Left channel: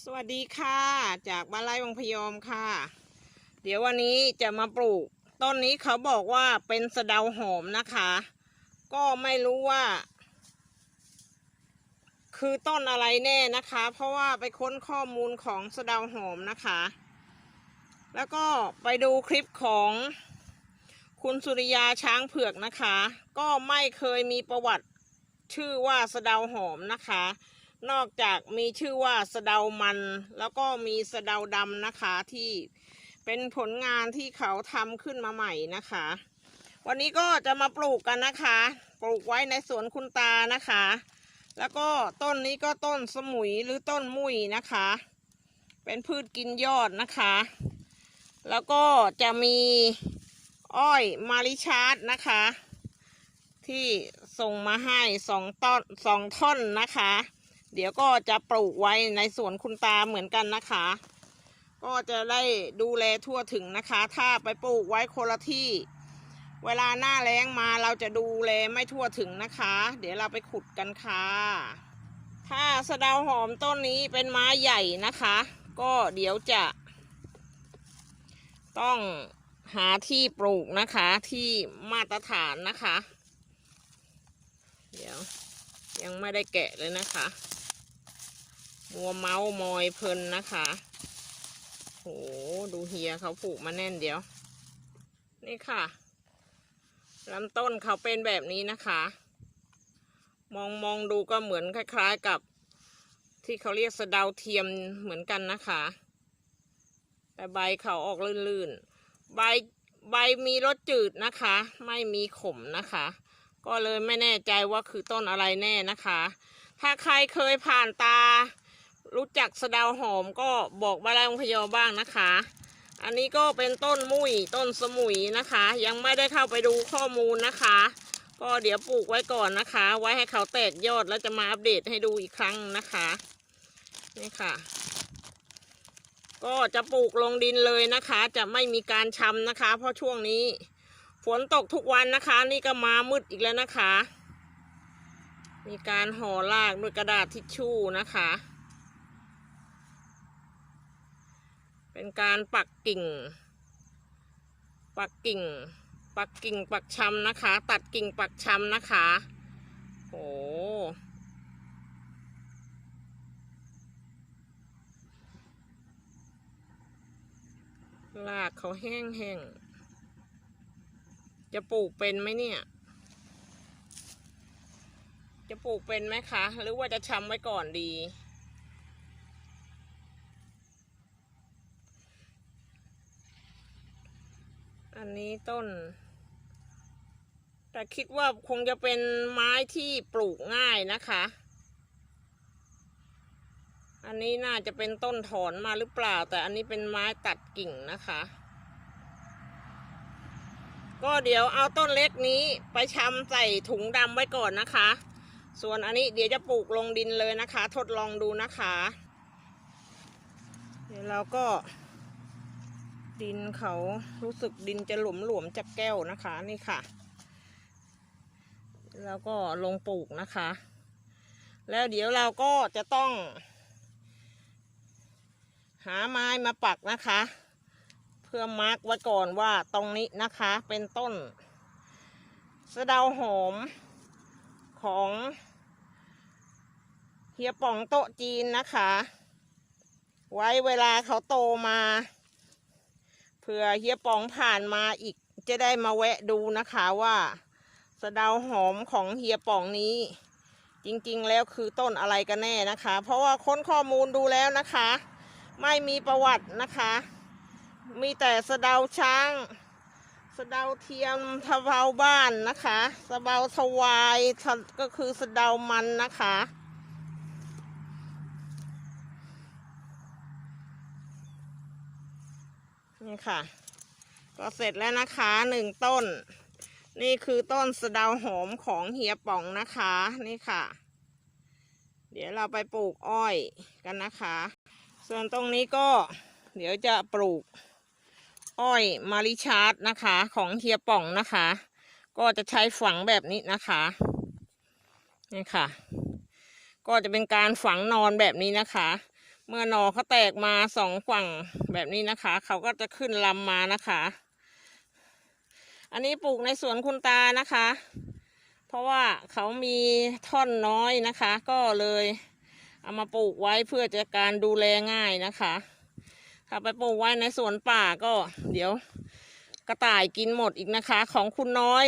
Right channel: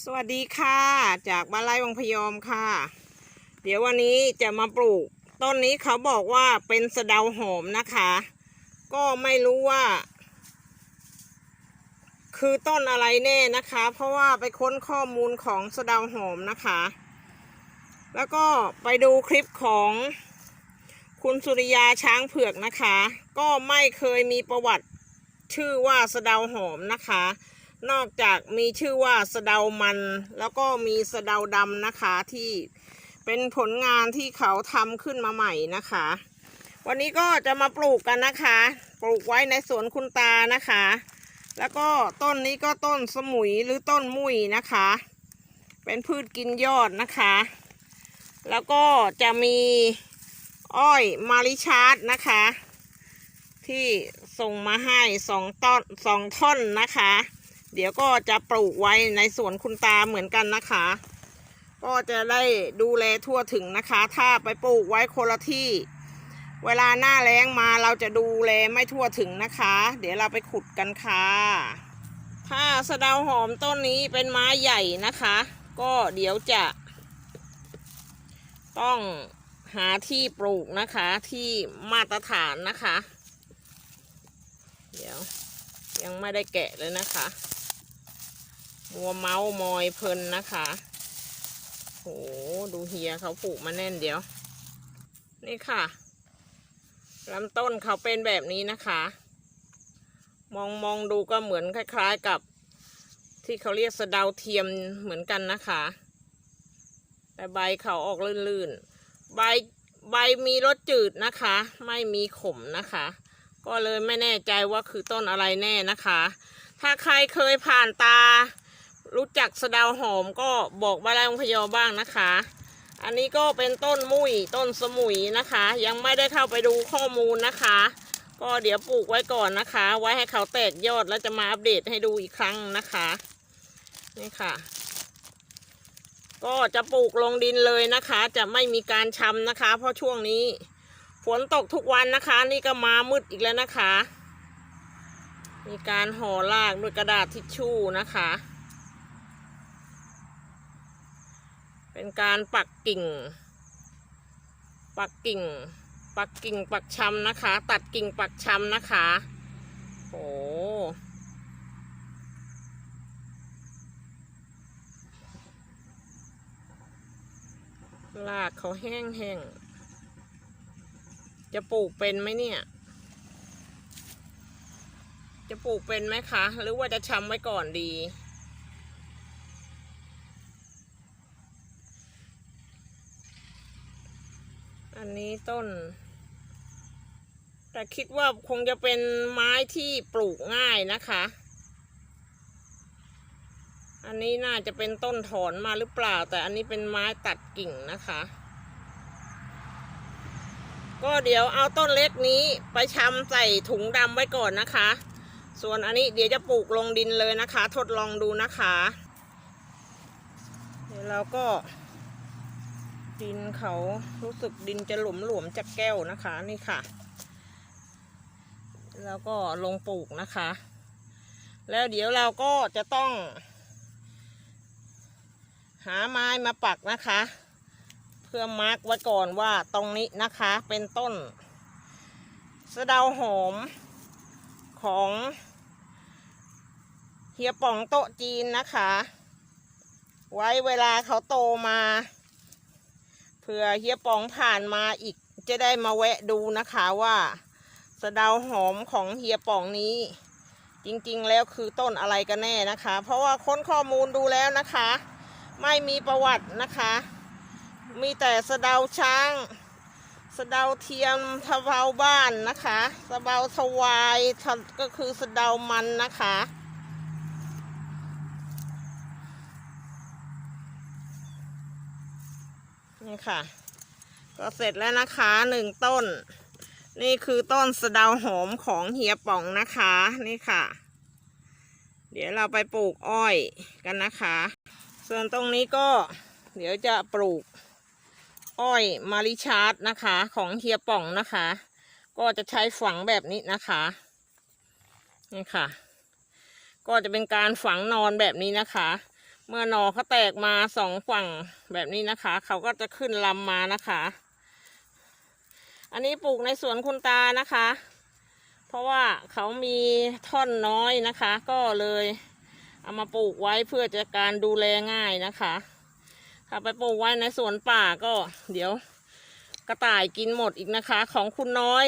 สวัสดีค่ะ จากบ้านไร่วังพยอมค่ะ เดี๋ยววันนี้จะมาปลูก ต้นนี้เขาบอกว่าเป็นสะเดาหอมนะคะ ก็ไม่รู้ว่า คือต้นอะไรแน่นะคะ เพราะว่าไปค้นข้อมูลของสะเดาหอมนะคะ แล้วก็ไปดูคลิปของคุณสุริยาช้างเผือกนะคะ ก็ไม่เคยมีประวัติชื่อว่าสะเดาหอมนะคะ นอกจากมีชื่อว่าสะเดามัน แล้วก็มีสะเดาดำนะคะที่เป็นผลงานที่เขาทำขึ้นมาใหม่นะคะ วันนี้ก็จะมาปลูกกันนะคะ ปลูกไว้ในสวนคุณตานะคะ แล้วก็ต้นนี้ก็ต้นสมุยหรือต้นมุยนะคะ เป็นพืชกินยอดนะคะ แล้วก็จะมีอ้อยมาริชาร์ดนะคะ ที่ส่งมาให้สองต้นสองท่อนนะคะ เดี๋ยวก็จะปลูกไว้ในสวนคุณตาเหมือนกันนะคะ ก็จะได้ดูแลทั่วถึงนะคะ ถ้าไปปลูกไว้คนละที่ เวลาหน้าแล้งมาเราจะดูแลไม่ทั่วถึงนะคะ เดี๋ยวเราไปขุดกันค่ะ ถ้าสะเดาหอมต้นนี้เป็นไม้ใหญ่นะคะ ก็เดี๋ยวจะ ต้องหาที่ปลูกนะคะที่มาตรฐานนะคะ เดี๋ยวยังไม่ได้แกะเลยนะคะ มัวเมาส์มอยเพลินนะคะ โห ดูเฮียเขาปลูกมาแน่นเดียว นี่ค่ะลำต้นเขาเป็นแบบนี้นะคะ มองมองดูก็เหมือนคล้าย ๆกับ ที่เขาเรียกสะเดาเทียมเหมือนกันนะคะ แต่ใบเขาออกลื่นๆ ใบใบมีรสจืดนะคะ ไม่มีขมนะคะ ก็เลยไม่แน่ใจว่าคือต้นอะไรแน่นะคะ ถ้าใครเคยผ่านตา รู้จักสะดาวหอมก็บอกบ้านแรงพยอบ้างนะคะ อันนี้ก็เป็นต้นมุยต้นสมุยนะคะ ยังไม่ได้เข้าไปดูข้อมูลนะคะก็เดี๋ยวปลูกไว้ก่อนนะคะ ไว้ให้เขาแตกยอดแล้วจะมาอัปเดตให้ดูอีกครั้งนะคะนี่ค่ะก็จะปลูกลงดินเลยนะคะ จะไม่มีการชำนะคะ เพราะช่วงนี้ฝนตกทุกวันนะคะ นี่ก็มามืดอีกแล้วนะคะ มีการห่อรากด้วยกระดาษทิชชู่นะคะ เป็นการปักกิ่ง ปักกิ่ง ปักกิ่งปักชำนะคะ ตัดกิ่งปักชำนะคะโอ้รากเขาแห้งๆจะปลูกเป็นไหมเนี่ย จะปลูกเป็นไหมคะ หรือว่าจะชำไว้ก่อนดี อั นี้ต้น แต่คิดว่าคงจะเป็นไม้ที่ปลูกง่ายนะคะ อันนี้น่าจะเป็นต้นถอนมาหรือเปล่า แต่อันนี้เป็นไม้ตัดกิ่งนะคะ ก็เดี๋ยวเอาต้นเล็กนี้ไปชำใส่ถุงดำไว้ก่อนนะคะ ส่วนอันนี้เดี๋ยวจะปลูกลงดินเลยนะคะ ทดลองดูนะคะ เดี๋ยวเราก็ เขารู้สึกดินจะหลวมหลวมๆจากแก้วนะคะนี่ค่ะ แล้วก็ลงปลูกนะคะ แล้วเดี๋ยวเราก็จะต้อง หาไม้มาปักนะคะ เพื่อมาร์กไว้ก่อนว่าตรงนี้นะคะเป็นต้นสะเดาหอมของเฮียป่องโต๊ะจีนนะคะ ไว้เวลาเขาโตมา ผื่อเฮียปองผ่านมาอีกจะได้มาแวะดูนะคะว่าสะเดาหอมของเฮียป่องนี้ จริงๆแล้วคือต้นอะไรกันแน่นะคะ เพราะว่าค้นข้อมูลดูแล้วนะคะ ไม่มีประวัตินะคะ มีแต่สะเดาช้างสะเดาเทียมทะเบาบ้านนะคะสะเบาทวายก็คือสะเดามันนะคะ นี่ค่ะ ก็เสร็จแล้วนะคะหนึ่งต้น นี่คือต้นสะเดาหอมของเฮียป่องนะคะนี่ค่ะ เดี๋ยวเราไปปลูกอ้อยกันนะคะ ส่วนตรงนี้ก็ เดี๋ยวจะปลูก อ้อยมาริชาร์ดนะคะ ของเฮียป่องนะคะ ก็จะใช้ฝังแบบนี้นะคะนี่ค่ะ ก็จะเป็นการฝังนอนแบบนี้นะคะ เมื่อหนอเขาแตกมาสองฝั่งแบบนี้นะคะ เขาก็จะขึ้นลำมานะคะ อันนี้ปลูกในสวนคุณตานะคะ เพราะว่าเขามีท่อนน้อยนะคะ ก็เลยเอามาปลูกไว้เพื่อจะการดูแลง่ายนะคะ ถ้าไปปลูกไว้ในสวนป่าก็เดี๋ยวกระต่ายกินหมดอีกนะคะ ของคุณน้อย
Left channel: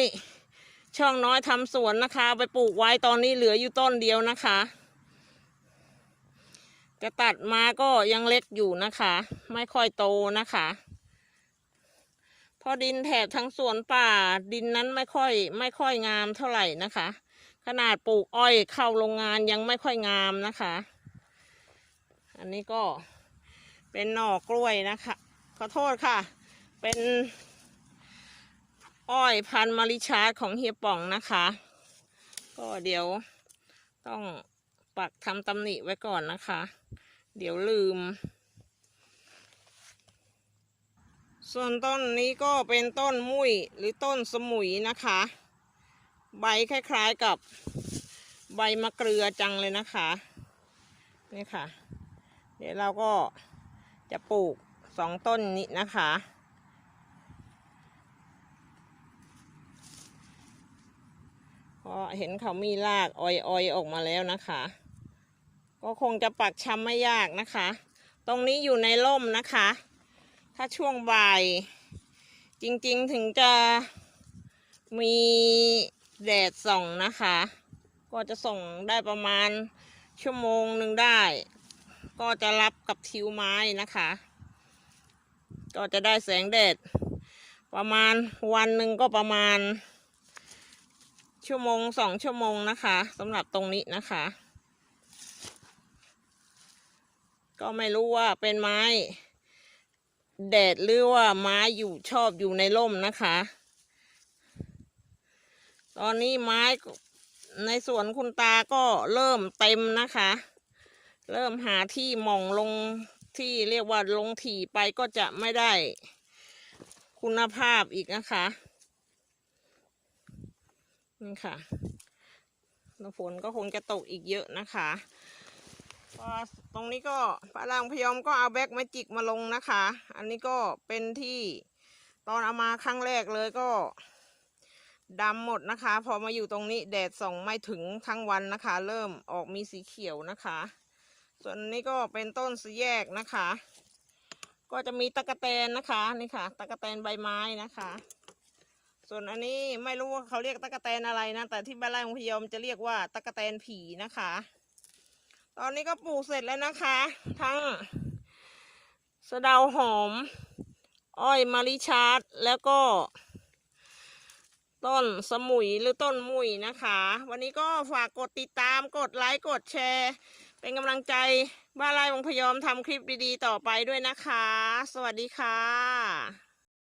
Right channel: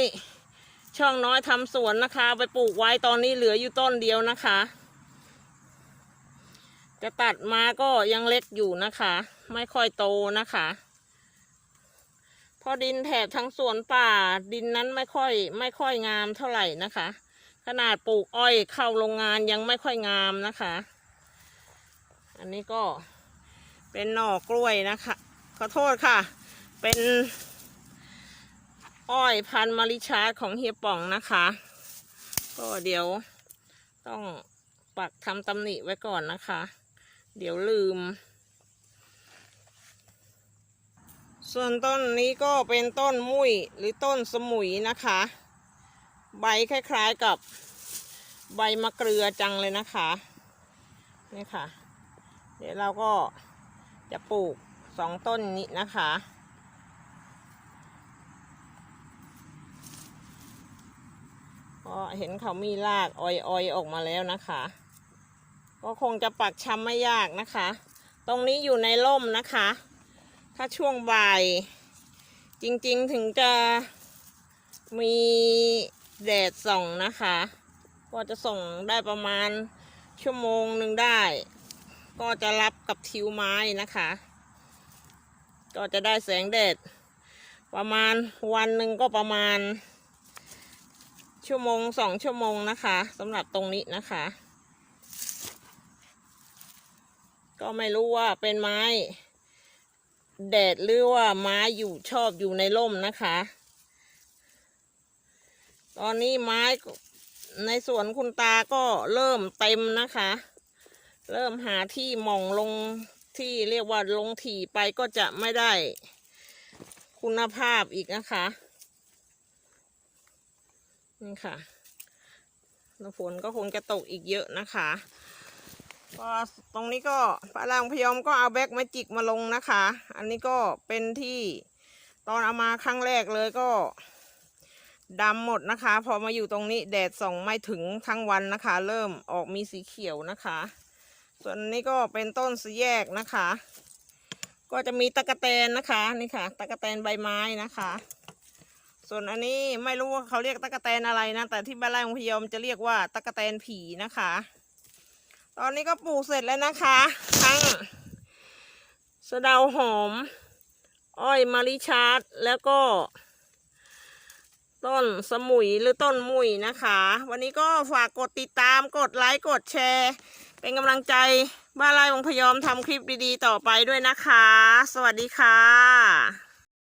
ช่องน้อยทำสวนนะคะ ไปปลูกไว้ตอนนี้เหลืออยู่ต้นเดียวนะคะ จะตัดมาก็ยังเล็กอยู่นะคะ ไม่ค่อยโตนะคะพราะดินแถบทั้งสวนป่า ดินนั้นไม่ค่อย ไม่ค่อยงามเท่าไหร่นะคะ ขนาดปลูกอ้อยเข้าโรงงานยังไม่ค่อยงามนะคะ อันนี้ก็เป็นหน่อกล้วยนะคะ ขอโทษค่ะ เป็นอ้อยพันธุ์มาริชาของเฮียป่องนะคะ ก็เดี๋ยวต้อง ปักทำตำหนิไว้ก่อนนะคะ เดี๋ยวลืม ส่วนต้นนี้ก็เป็นต้นมุ้ยหรือต้นสมุยนะคะ ใบคล้ายๆกับใบมะเกลือจังเลยนะคะนี่ค่ะ เดี๋ยวเราก็จะปลูกสองต้นนี้นะคะเพราะเห็นเขามีรากออยๆออกมาแล้วนะคะ ก็คงจะปักชำไม่ยากนะคะ ตรงนี้อยู่ในร่มนะคะ ถ้าช่วงบ่าย จริงๆถึงจะมีแดดส่องนะคะ ก็จะส่งได้ประมาณชั่วโมงหนึ่งได้ ก็จะรับกับทิวไม้นะคะ ก็จะได้แสงแดด ประมาณวันหนึ่งก็ประมาณ ชั่วโมงสองชั่วโมงนะคะสำหรับตรงนี้นะคะ ก็ไม่รู้ว่าเป็นไม้ แดดหรือว่าไม้อยู่ชอบอยู่ในร่มนะคะ ตอนนี้ไม้ในสวนคุณตาก็เริ่มเต็มนะคะ เริ่มหาที่มองลงที่เรียกว่าลงถี่ไปก็จะไม่ได้คุณภาพอีกนะคะนี่ค่ะฝนก็คงจะตกอีกเยอะนะคะ ก็ตรงนี้ก็ปลาลางพยอมก็เอาแบ็กแมจิกมาลงนะคะ อันนี้ก็เป็นที่ตอนเอามาครั้งแรกเลยก็ดำหมดนะคะ พอมาอยู่ตรงนี้แดดส่องไม่ถึงทั้งวันนะคะ เริ่มออกมีสีเขียวนะคะ ส่วนนี้ก็เป็นต้นสีแยกนะคะ ก็จะมีตะกะแตนนะคะนี่ค่ะตะกะแตนใบไม้นะคะ ส่วนอันนี้ไม่รู้ว่าเขาเรียกตะกะแตนอะไรนะแต่ที่บ้านไร่ของพยอมจะเรียกว่าตะกะแตนผีนะคะ ตอนนี้ก็ปลูกเสร็จแล้วนะคะทั้งสะเดาหอม อ้อยมาริชาร์ดแล้วก็ ต้นสมุยหรือต้นมุยนะคะ วันนี้ก็ฝากกดติดตามกดไลค์กดแชร์ เป็นกำลังใจบ้านไร่ของพยอมทำคลิปดีๆ ต่อไปด้วยนะคะ สวัสดีค่ะ